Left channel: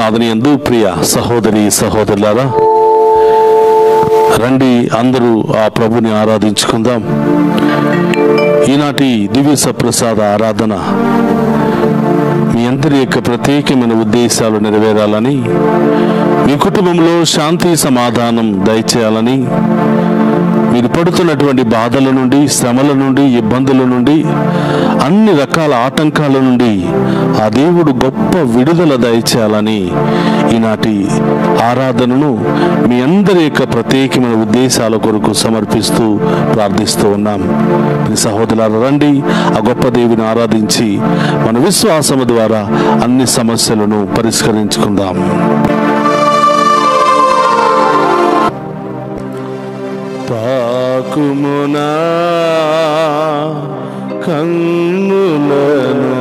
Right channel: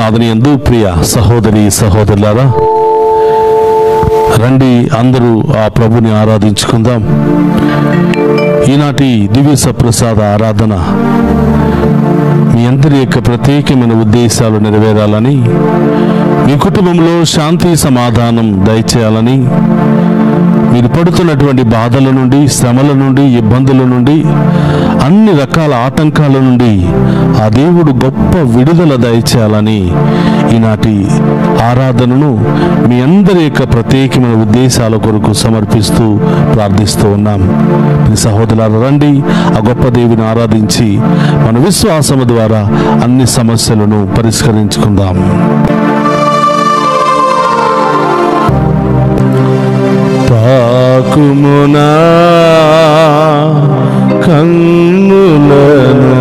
నాథుని యందు ప్రియ సహోదరి సహోదరులారా, రండి అందరూ ఆ ప్రభుని ఆరాధించుకుందాం. ఈనాటి దివ్య సప్రసాద ఆరాధన మీ అందరి యొక్క ప్రత్యేకమైన ఉద్దేశాలు నెరవేరాలని, మీ కుటుంబంలో శాంతి సమాధానం దయచేయాలని, మీరు పడుతున్నటువంటి బాధల నుండి, శ్రమల నుండి, ఇబ్బందుల నుండి, అన్ని రకాల ఆటంకాల నుండి ఆ దేవుడు గొప్ప విడుదల దయచేయాలని ఈనాటి ఆరాధనను మీ అందరి యొక్క ప్రత్యేకమైన ఉద్దేశాల కొరకు సమర్పిస్తూ ప్రార్థిస్తూ ఉన్నాం. మీ సహోదరులారా, రండి ఆ గొప్ప దేవుని ఆరాధించి మన విశ్వాసము ద్వారా అన్ని సమస్యలను పరిష్కరించుకుందాం. తాకుమునా కన్నులను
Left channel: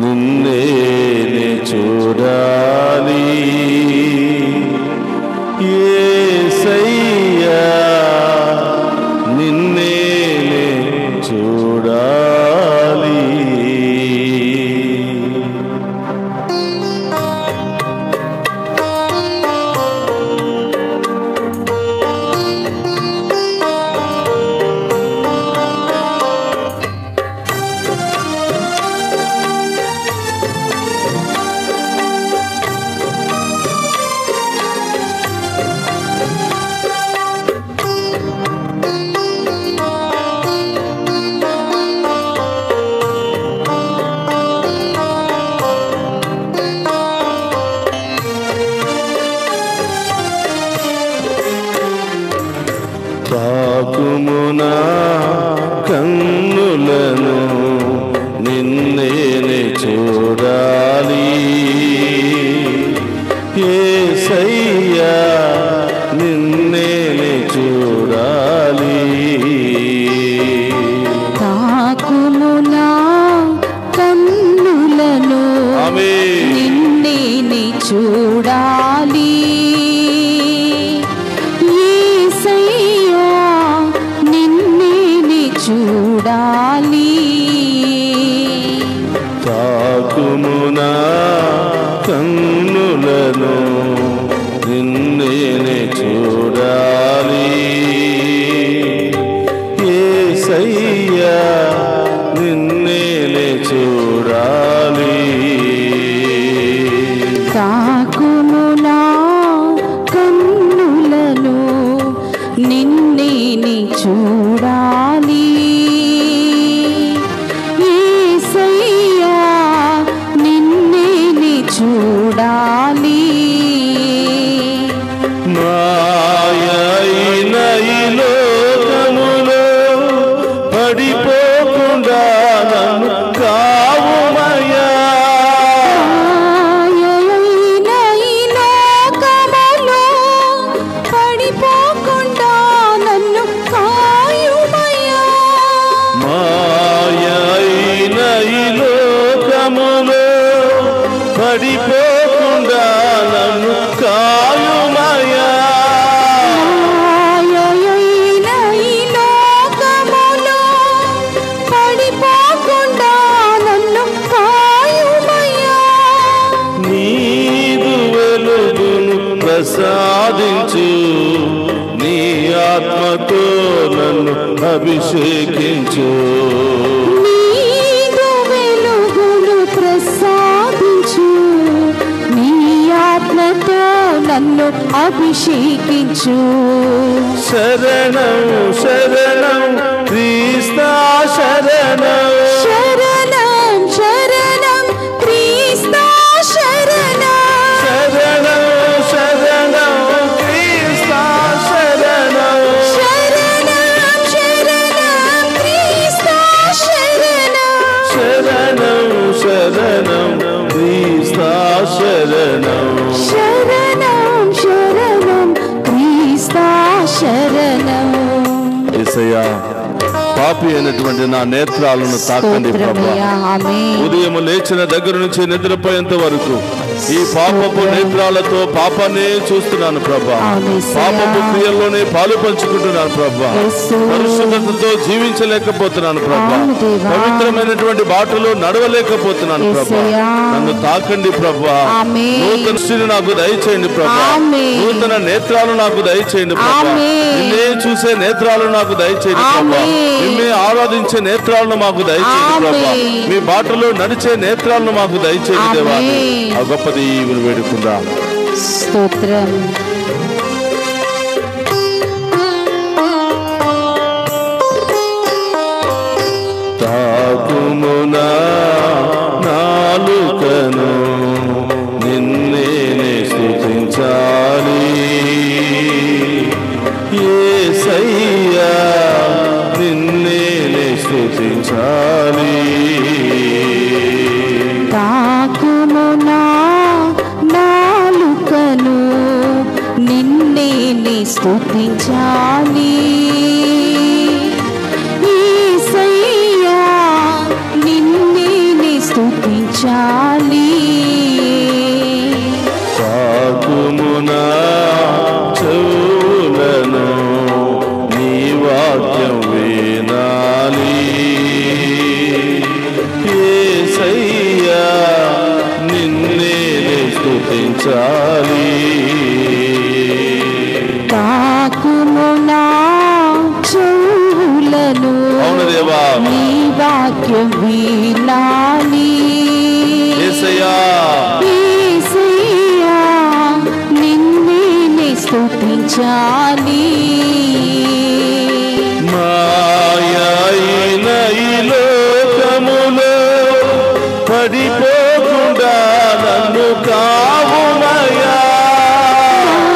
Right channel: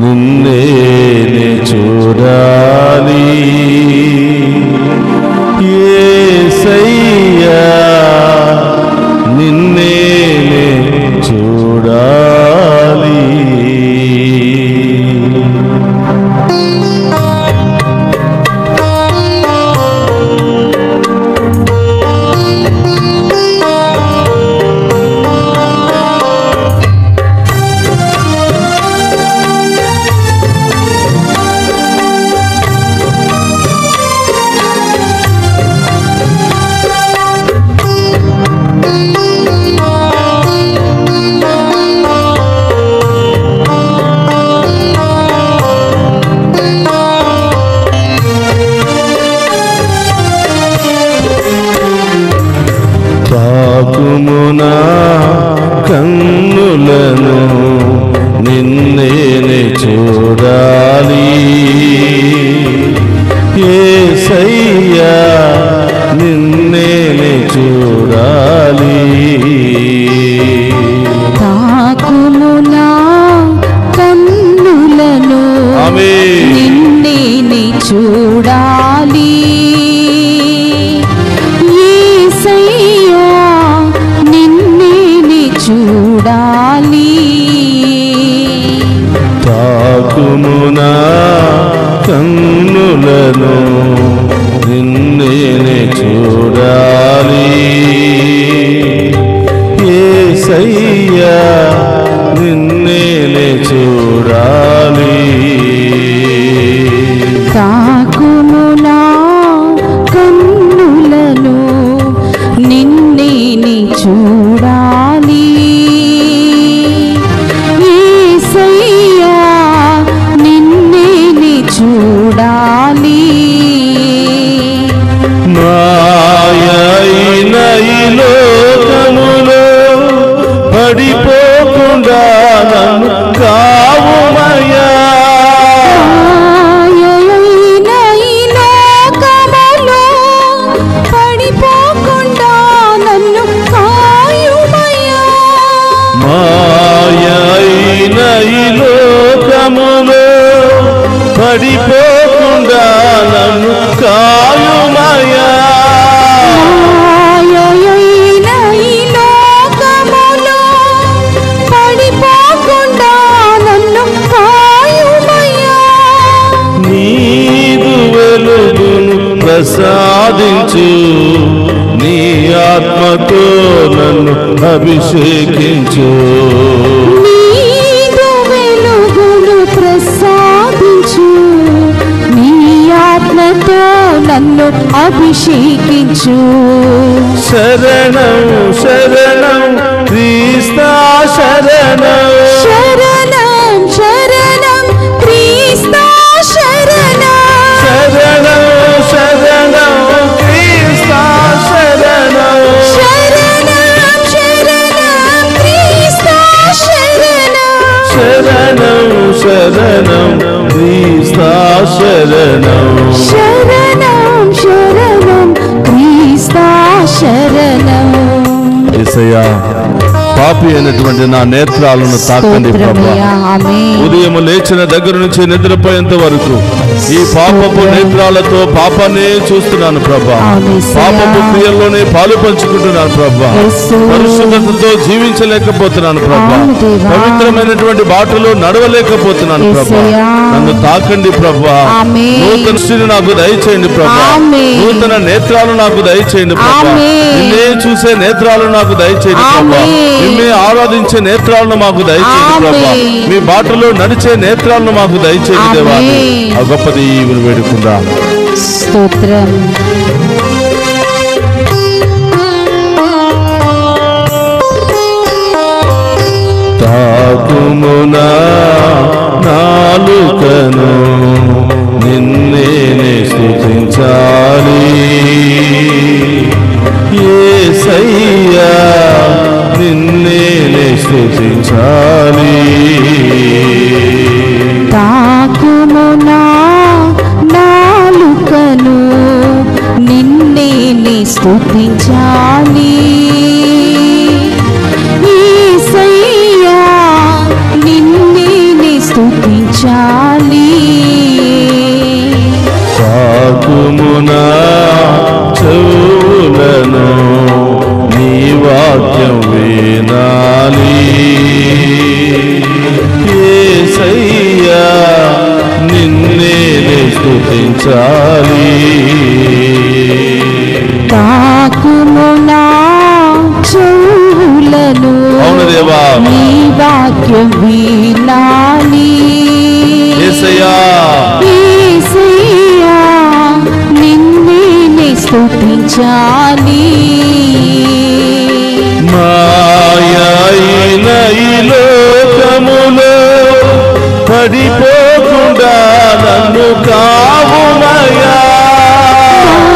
నిన్నే చూడాలి యేసయ్యా, నిన్నే చూడాలి. తాకుమునా కన్నులను నిన్నే చూడాలి యేసయ్యా, నిన్నే చూడాలి. తాకుమునా కన్నులను నిన్నే చూడాలి చూడాలి. తాకుమునా కన్నులను నిన్నే చూడాలి యేసయ్యా, నిన్నే చూడాలి. తాకుమునా కన్నులను నిన్నే చూడాలి యేసయ్యా, నిన్నే చూడాలి. మాయైన ఈ లోకములో పడిపోకుండా నన్ను కావుమయ్యా, మాయైన ఈ లోకములో పడిపోకుండా నన్ను కాయుమయ్యా, మాయైన ఈ లోకములో పడిపోకుండా నన్ను కాయుమయ్యా, మాయైన ఈ లోకములో పడిపోకుండా నన్ను కాయుమయ్యా. నీదు వెలుగును ప్రసాదించు, నీ ఆత్మతో నన్ను అభిషేకించు. నీదు వెలుగును ప్రసాదించు, నీ ఆత్మతో నన్ను అభిషేకించు. శరణం శరణం క్రీస్తా శరణం, శరణం శరణం క్రీస్తా శరణం, శరణం శరణం క్రీస్తా శరణం, శరణం శరణం క్రీస్తా శరణం, శరణం శరణం క్రీస్తా శరణం. శరణం శరణం క్రీస్తా శరణం. యేసయ్యా, పాపి అయినటువంటి నా నేత్రాలను తాకండి ప్రభా. స్తోత్రమయ్యా, ఆమేన్. ఉదయం లేచిన దగ్గర నుంచి నిద్రపోయేంత వరకు ఈ పాపపు నేత్రాలతో పాపాన్ని చూస్తున్నాను ప్రభా. పాపపు క్రియల్లోనే పాలు పంచుకుంటున్నాను ప్రభా. పరిశుద్ధతతో జీవించలేకపోతున్నాను ప్రభా. పవిత్రమైనటువంటి బాటలో నడవలేకపోతున్నాను ప్రభా. నన్ను తాకండి ప్రభా. నూతన దృష్టిని నాకు దయచేయండి ప్రభా. నూతన నేత్రాలు నాకు దయచేయండి ప్రభా. నిన్నే చూసే నేత్రాలు నాకు దయచేయండి ప్రభా. నిన్నే ఆరాధించే నేత్రాలను మాకు దయచేయండి ప్రభా. మీ బాటలో నడిచే నేత్రాలను మాకు దయచేయండి దేవా. ఆ గొప్ప దీవెనలు వేడుకుందాం. స్తోత్రం. తాకుమునా నాలుకను నిన్నే స్తుతించాలి యేసయ్యా, నిన్నే స్తుతించాలి. తాకుమునా నాలుకను నిన్నే స్తుతించాలి యేసయ్యా, నిన్నే స్తుతించాలి. తాకుమునా చెవులను నీ వాక్యం వినాలి యేసయ్యా, నిన్నే స్తుతించాలి. తాకుమునా చెవులను అవును దేవా, నీ వాక్యం వినాలి యేసయ్యా, యేసయ్యా, నిన్నే స్తుతించాలి. మాయైన ఈ లోకములో పడిపోకుండా నన్ను కావుమయ్యా.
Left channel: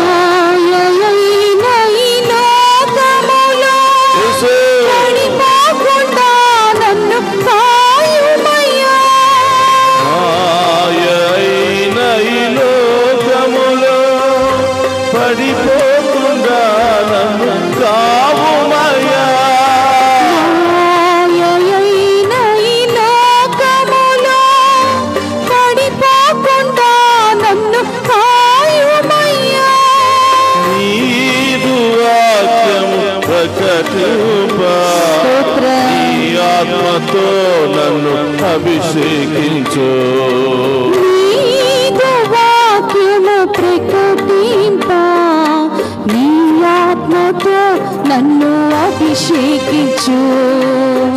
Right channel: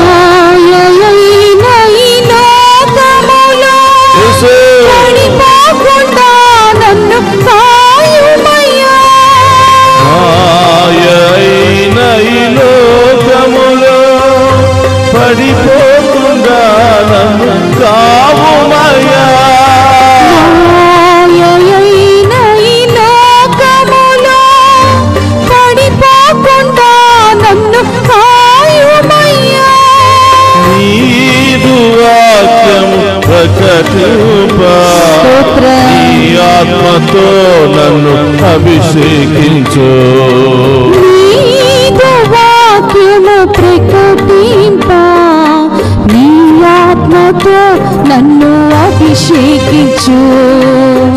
మాయైన ఈ లోకములో పడిపోకుండా నన్ను కాయుమయ్యా. మాయైన ఈ లోకములో పడిపోకుండా నన్ను కావుమయ్యా. మాయైన ఈ లోకములో పడిపోకుండా నన్ను కాయుమయ్యా. నీదు వాక్యము ప్రకటింప నీ ఆత్మతో నన్ను అభిషేకించు. నీదు వాక్యము ప్రకటింప నీ ఆత్మతో నన్ను అభిషేకించు.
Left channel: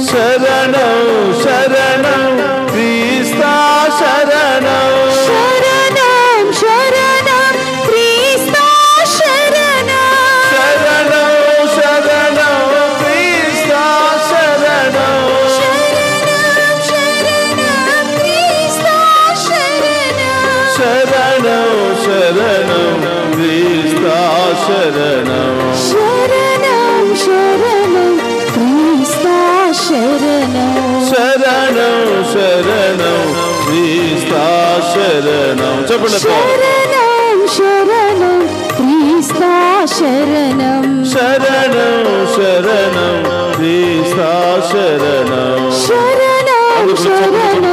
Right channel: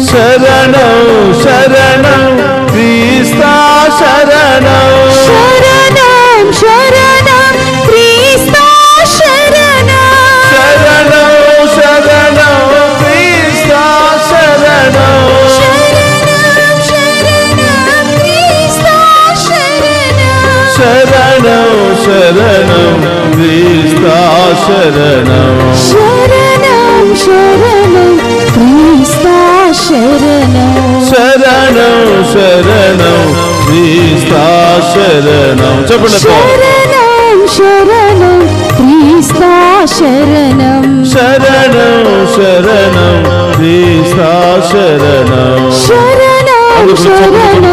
శరణం శరణం క్రీస్తా శరణం. శరణం శరణం క్రీస్తా శరణం. శరణం శరణం క్రీస్తా శరణం. శరణం శరణం క్రీస్తా శరణం. శరణం శరణం క్రీస్తా శరణం. శరణం శరణం క్రీస్తా శరణం. శరణం శరణం క్రీస్తా శరణం. చెప్పండి. శరణం శరణం క్రీస్తా శరణం. శరణం శరణం క్రీస్తా శరణం. శరణం శరణం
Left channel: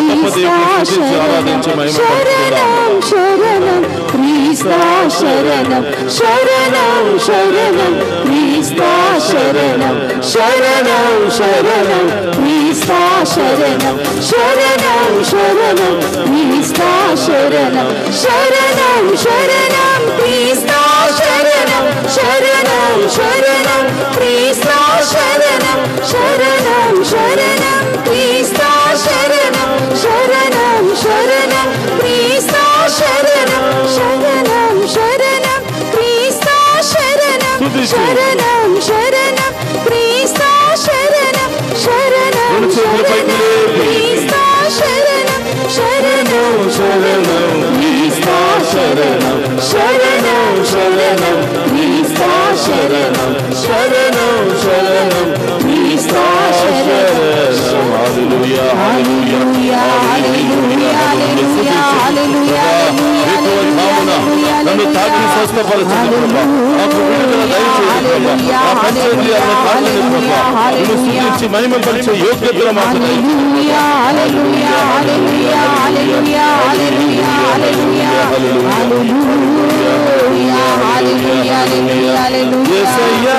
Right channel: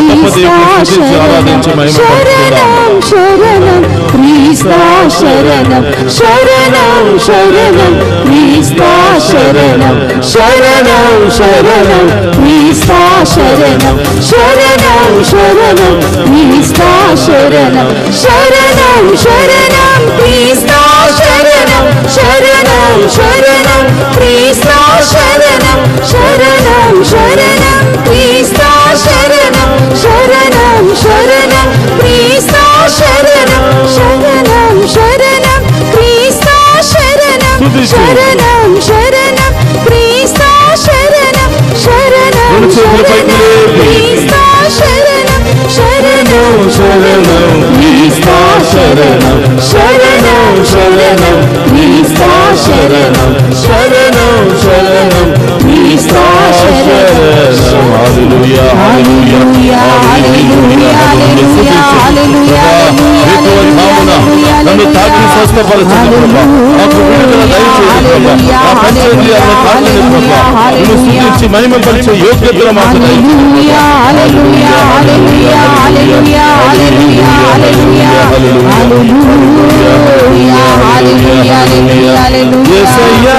క్రీస్తా శరణం. శరణం శరణం క్రీస్తా శరణం. శరణం శరణం క్రీస్తా శరణం. శరణం శరణం క్రీస్తా శరణం. శరణం శరణం క్రీస్తా శరణం. శరణం శరణం క్రీస్తా శరణం. శరణం శరణం క్రీస్తా శరణం. శరణం శరణం క్రీస్తా శరణం. శరణం శరణం క్రీస్తా శరణం. శరణం శరణం క్రీస్తా శరణం. శరణం శరణం క్రీస్తా శరణం. శరణం శరణం క్రీస్తా శరణం. శరణం శరణం క్రీస్తా శరణం. శరణం శరణం క్రీస్తా శరణం. శరణం శరణం క్రీస్తా శరణం. హల్లెలూయా హల్లెలూయా హల్లెలూయా హల్లెలూయా హల్లెలూయా. నన్ను తాకి స్వస్థపరచండి ప్రభా, మాకు విడుదల దయచేయండి ప్రభా, మా పంచేంద్రియాలను తాకండి ప్రభా, నిన్ను స్తుతించి మహిమపరిచే యోగ్యతలు మాకు దయచేయండి. యేసయ్యా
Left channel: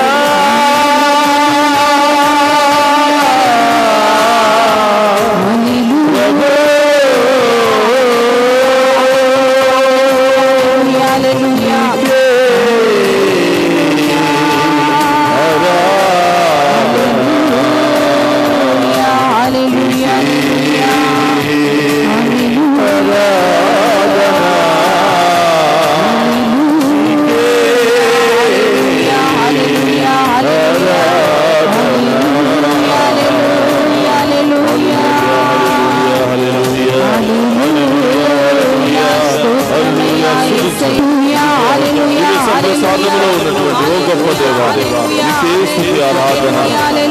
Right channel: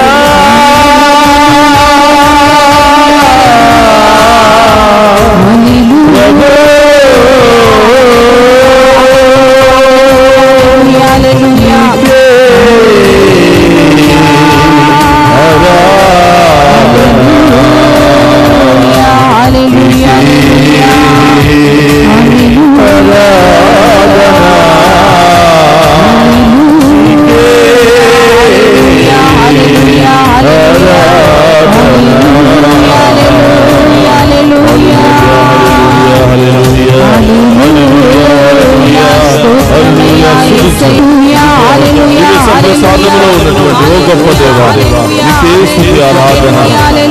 ప్రసాదంలో ఉన్నటువంటి ఓ గొప్ప దేవా, నీకే స్తుతి ఆరాధన,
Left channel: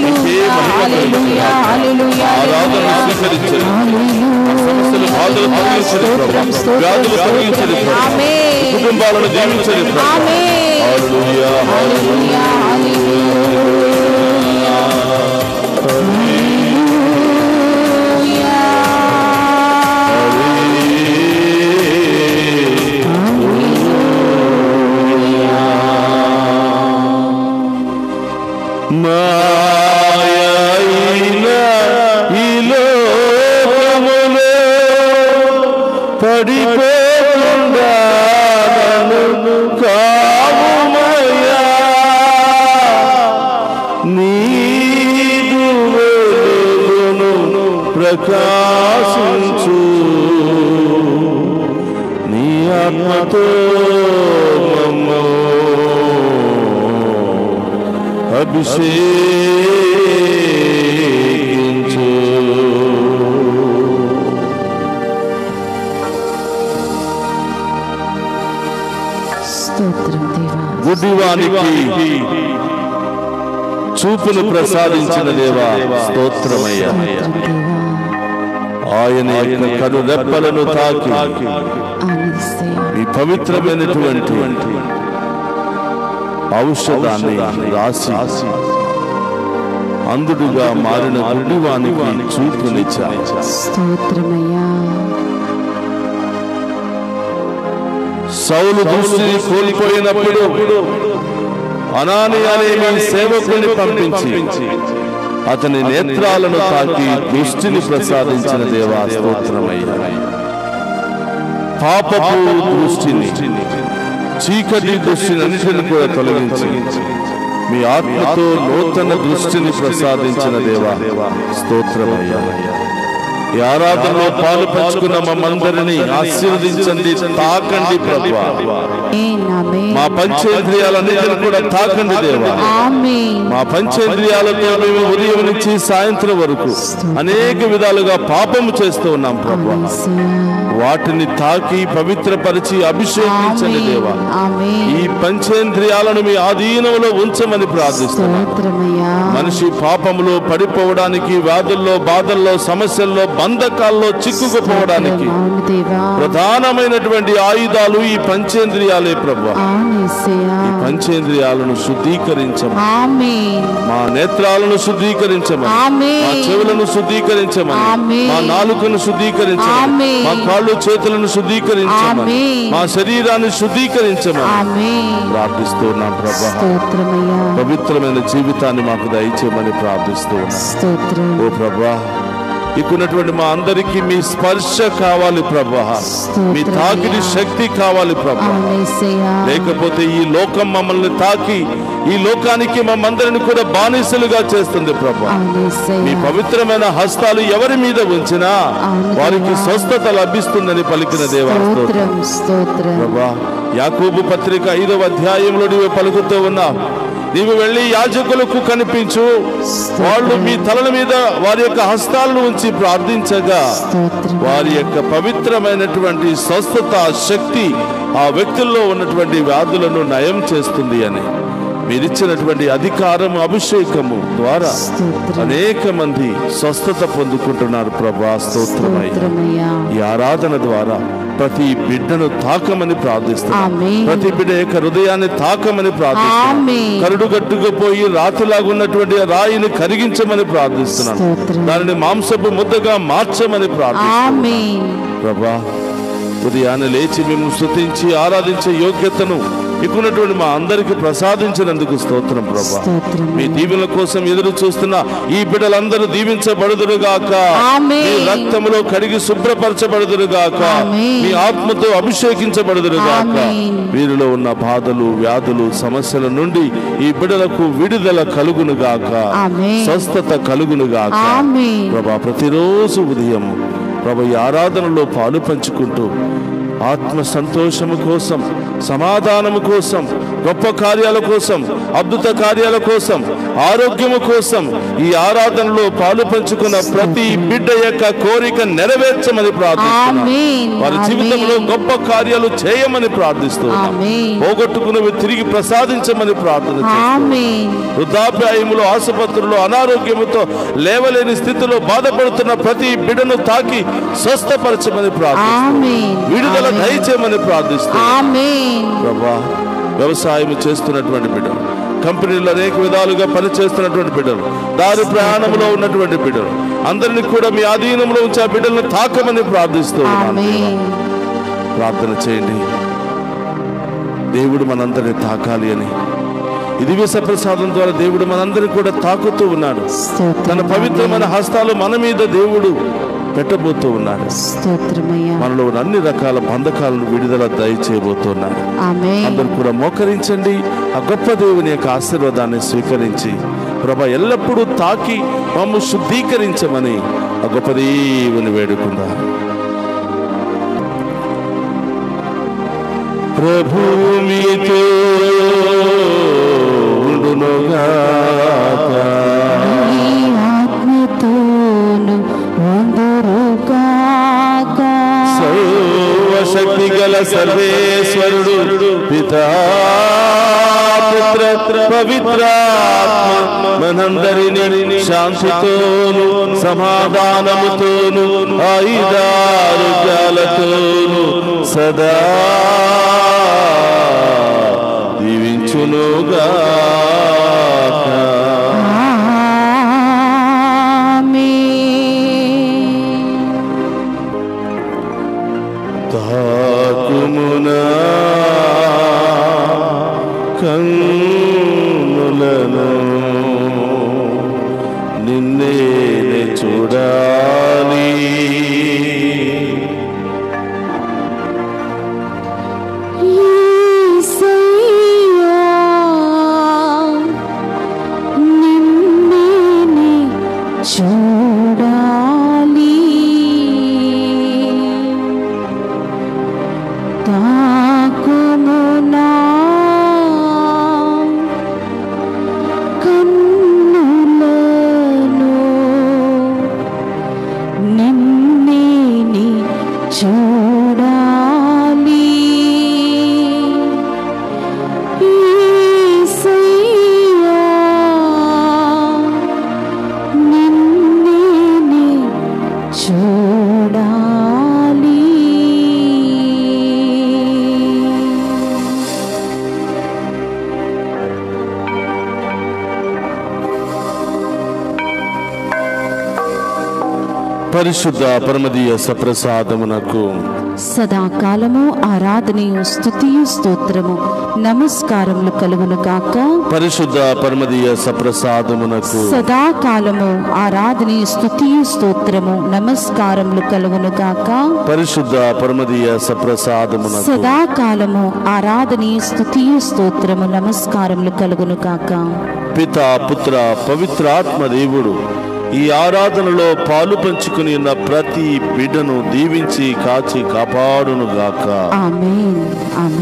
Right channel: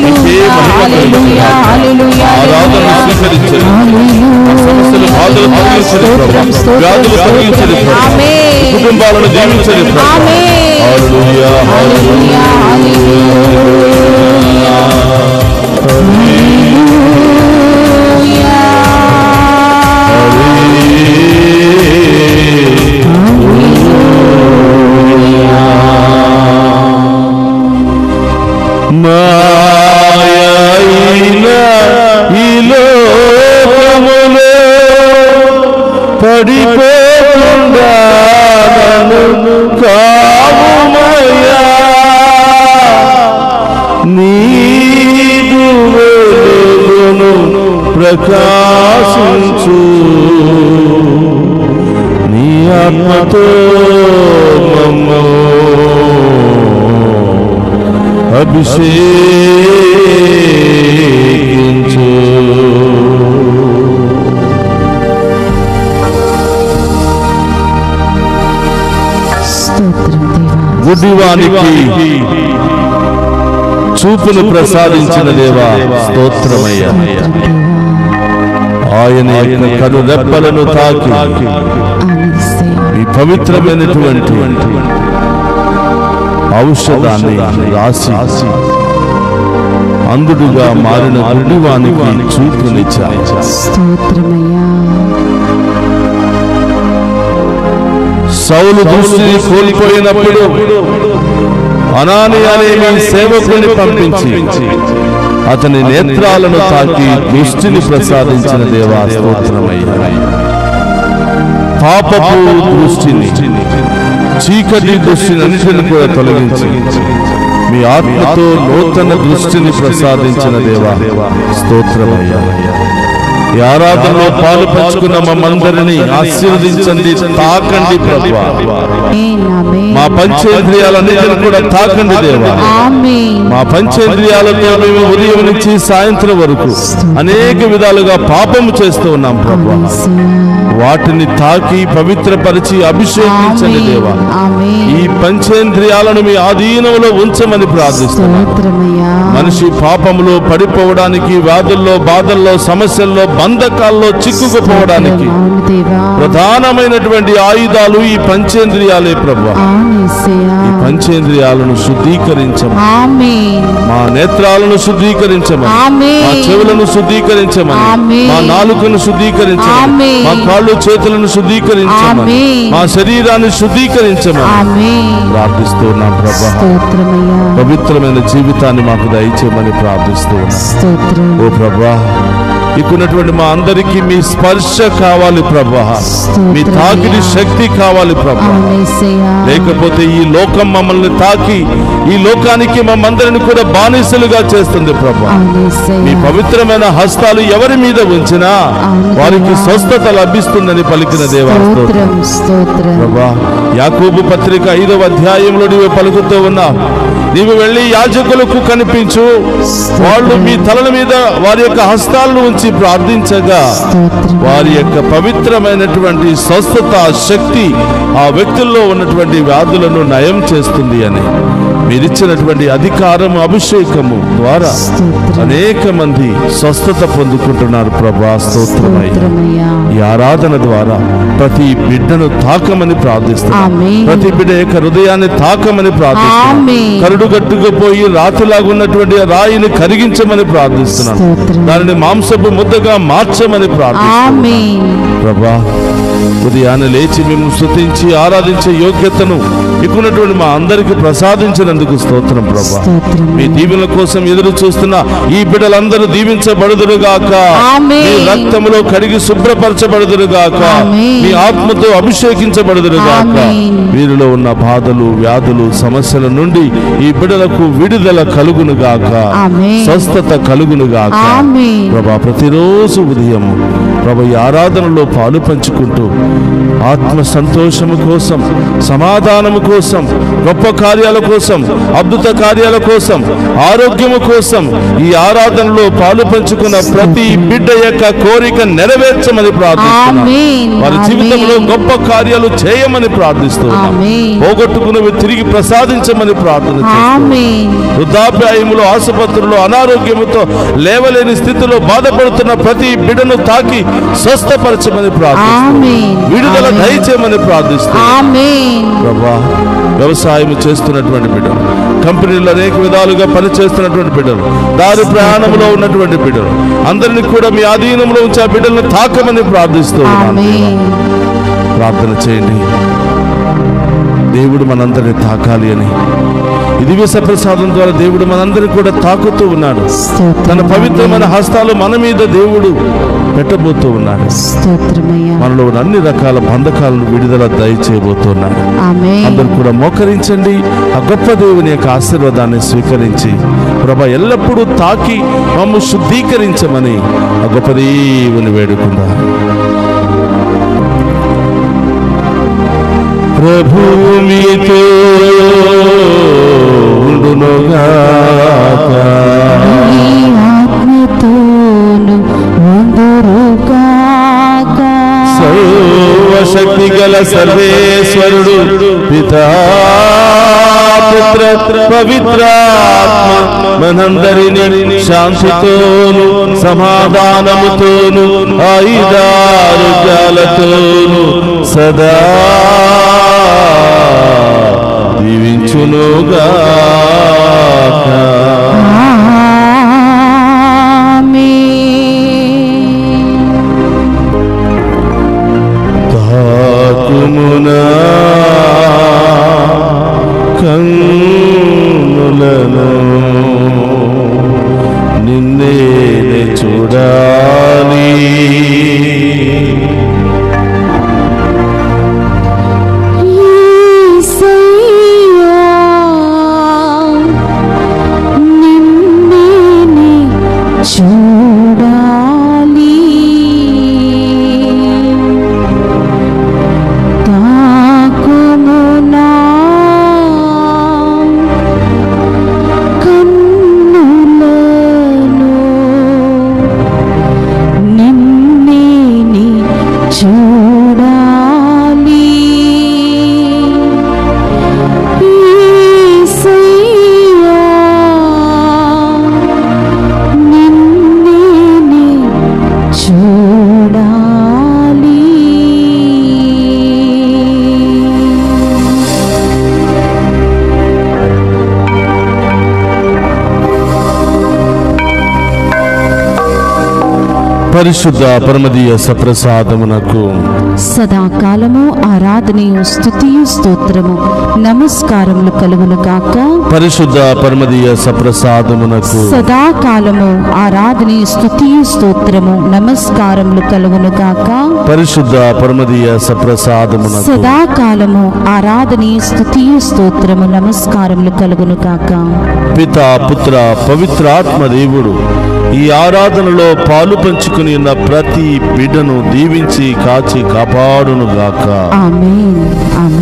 నీకే మహిమ, ఆరాధన స్వీకరించండి. సమస్యలు బాధలు తొలగించండి ప్రభా, వ్యాధులు తొలగించండి ప్రభా, కుటుంబాలను దీవించండి ప్రభా. హల్లెలూయా హల్లెలూయా పడిపోకుండా నన్ను కావుమయ్యా, నీదు వెలుగును ప్రకాశించు, నీ ఆత్మతో మమ్ము అభిషేకించు. గుడ్డివానికి చూపును ప్రసాదించిన దేవా స్తోత్రమయ్యా, ఆయన యొక్క కను రెప్పలను తాకి ఈ పవిత్రమైనటువంటి ఔషధాన్ని రాసి అందుడుగా మారిన గుడ్డివానికి చూపునిచ్చారు. సౌలు దృష్టిని కోల్పోయినప్పుడు అనానియా అనే మీ సేవకుని పంపించి అతని నేత్రాలను తాకి దృష్టిని ప్రసాదించిన దేవా స్తోత్రమయ్యా. పాపపు దృష్టిని, చీకటి దృష్టిని అన్నిటిని కూడా తొలగించి మీ ఆత్మతో నూతన దృష్టిని ప్రసాదించిన దేవా స్తోత్రమయ్యా. ఈ ఆరాధనలో పాలు పంచుకున్న మమ్మందరినీ ఆశీర్వదించండి, తాకండి ప్రభువా. మా పంచేంద్రియాలన్నిటిని కూడా తాకండి దేవా. మా పంచేంద్రియాలతో మేము ఉదయం నుంచి సాయంత్రం వరకు అనేక విధాలుగా పాపము చేస్తూ ఉన్నాం ప్రభువా. వాటిని తాకి పవిత్రపరిచి అభిషేకించండి దేవా. ఈ పంచేంద్రియాలను మీ ఆధీనంలో ఉంచమని ప్రార్థిస్తున్నాం. మనిషి పాపములో పడిపోవడానికి, వ్యాధుల్లో, బాధల్లో, సమస్యల్లో, బంధకాల్లో చిక్కుకుపోవడానికి ప్రధానమైనటువంటి ఆయుధాలు ఈ పంచేంద్రియాలే ప్రభువా. ఈ పంచేంద్రియాలను శుద్ధీకరించమని, మా నేత్రాలను శుద్ధీకరించమని, మా చెవులను శుద్ధీకరించమని, మా నాలుకను శుద్ధీకరించమని, మా కాళ్ళు చేతులను శుద్ధీకరించమని, మా శరీరాన్ని శుద్ధీకరించమని ప్రార్థిస్తున్నాం ప్రభువా. పవిత్రమైన జీవితాన్ని మాకు దయచేయమని ప్రార్థిస్తున్నాం. ఓ ప్రభువా, ఇక్కడున్నటువంటి మా అందరికీ మీ స్పర్శ కావాలి ప్రభువా, మీ తాకిడి శక్తి కావాలి ప్రభువా. లేకపోతే ఈ లోకం మమ్మల్ని తాకి ఈ లోకానికి మమ్మందరిని కూడా బానిసలుగా చేస్తుంది ప్రభువా. మీ పవిత్రమైన హస్తాలు ఎవరి మీద ఉంచినా వారికి స్వస్థత లభిస్తుందని పలికిన దేవా ప్రభువా. యాకోబు పత్రిక 5వ అధ్యాయంలో నీవు పలుకుతూ ఉన్నావు, నీవు వెళ్ళి యాజకులకు కనిపించు, వాళ్ళు మీ తలల మీద వారి యొక్క హస్తాలను ఉంచి ప్రార్థించగా వారి యొక్క పవిత్రమైనటువంటి స్వస్థత శక్తి ఆ వ్యక్తుల్లో ఉన్నటువంటి వ్యాధులను నయం చేస్తుంది అని మీరిచ్చినటువంటి అధికారము అభిషేకము ద్వారా అనేక మంది స్వస్థత పొందుకుంటున్నారు ప్రభా. స్తోత్రమయ్యా. ఈ ఆరాధన ద్వారా ప్రతి బిడ్డను తాకమని ప్రార్థిస్తున్నాం. ప్రతి బిడ్డ యొక్క హృదయాన్ని తాకమని ప్రార్థిస్తున్నాం. కరుడుగట్టుకుపోయి రాతిలాగున్నటువంటి రాయిని కరిగించమని ప్రార్థిస్తున్నాను. దానిని మాంసపు ముద్దగా మార్చమని ప్రార్థిస్తున్నాను ప్రభా. ఉదయాన్నే లేచి మేము స్తుతించి ఆరాధించే యోగ్యతను ఇకున్నటువంటి మా అందరికి ప్రసాదించినందుకు స్తోత్రం ప్రభా. మీ దీవెనల కోసం ఎదురు చూస్తున్న ఈ బిడ్డలందరూ దీవించబడుదురుగాక. మీ రక్తములో కడిగి శుభ్రపరచబడుదురుగాక. మీ ఆత్మతో అభిషేకించబడుదురుగాక. వీరిలో ఉన్న బాధలు, వ్యాధులు, సమస్యల నుండి ఈ బిడ్డలకు విడుదల కలుగునుగాక, స్వస్థత కలుగునుగాక ప్రభా. ప్రతిరోజు ఉదయం ప్రభా ఈ ఆరాధనలో పాలు పంచుకుంటూ ఆత్మ సంతోషము కోసం, సమాధానము కోసం, గొప్ప కార్యాల కోసం, అద్భుత కార్యాల కోసం, ఆరోగ్యము కోసం ఈ ఆరాధనలో పాలు పంచుకున్న ప్రతి బిడ్డ యొక్క కోరిక నెరవేర్చమని ప్రార్థిస్తున్నాను. వారి జీవితంలో గొప్ప కార్యాలు చేయమని ప్రార్థిస్తున్నాం. పోగొట్టుకున్నవి తిరిగి ప్రసాదించమని ప్రార్థిస్తున్నాం. వృద్ధాప్యాయములో, ఆసుపత్రుల్లో అనారోగ్యముతో లేవలేని స్థితిలో బాధపడుతున్న ప్రతి బిడ్డను తాకి స్వస్థపరచమని ప్రార్థిస్తున్నాం. విడుదల దయచేయమని ప్రార్థిస్తున్నాం ప్రభా. వ్యవసాయం చేస్తున్నటువంటి బిడ్డలు, కంపెనీలో అనేక విధాలుగా పనిచేస్తున్నటువంటి బిడ్డలు, దారి ప్రయాణంలో ఉన్నటువంటి బిడ్డలు అందరినీ కూడా మీ ఆధీనంలో ఉంచి ఆ బిడ్డలను తాకమని ప్రార్థిస్తూ ఉన్నాను. ప్రార్థన చేయండి. దేవుడు మనందరినీ తాకాలి అని ఈ దివ్య సప్రసాదం ద్వారా దేవుడు మనందరినీ కూడా తాకుతూ ఉన్నాడు. తన పవిత్రమైన హస్తాలు మన మీద దేవుడు పెట్టబోతూ ఉన్నాడు. మనలో అన్ని రకాల బంధకాలను విడుదల దయచేయబోతున్నాడు. అందరూ కూడా మోకరించండి. ఆ గొప్ప దేవుని యొక్క ఆశీర్వాదాన్ని స్వీకరించి ప్రభా ఎల్లప్పుడూ తాకి మమ్ము శుద్ధీకరించమని ఆ గొప్ప దేవుని వేడుకుందాం. ప్రభు మీతో ఉండునుగాక, ఆత్మతోను ఉండునుగాక. సర్వశక్తి గల సర్వేశ్వరుడు పితా పుత్ర పవిత్రాత్మ మనందరినీ శాంతితోను, సమాధానముతోను, ఆయుధారోగ్యాలతోను సదా దీవించునుగాక. తాకుమునా కన్నులను నిన్నే చూడాలి. పరిశుద్ధ పరమదీయ సప్రసాదమునకు సదాకాలము ఆరాధనయు స్తుతియు స్తోత్రము నమస్కారములు కలుగును గాక. పరిశుద్ధ పరమదీయ సప్రసాదమునకు సదాకాలము ఆరాధనయు స్తుతియు స్తోత్రము నమస్కారములు కలుగును గాక. పరిశుద్ధ పరమదీయ సప్రసాదమునకు సదాకాలము ఆరాధనయు స్తుతియు స్తోత్రము నమస్కారములు కలుగును గాక. పితా పుత్ర పవిత్రాత్మ దేవుడు ఈ ఆరాధనలో పాలు పంచుకుని ఉన్న ప్రతి బిడ్డను దీవించి కాచి కాపాడును గాక. ఆమేన్. ఆమేన్.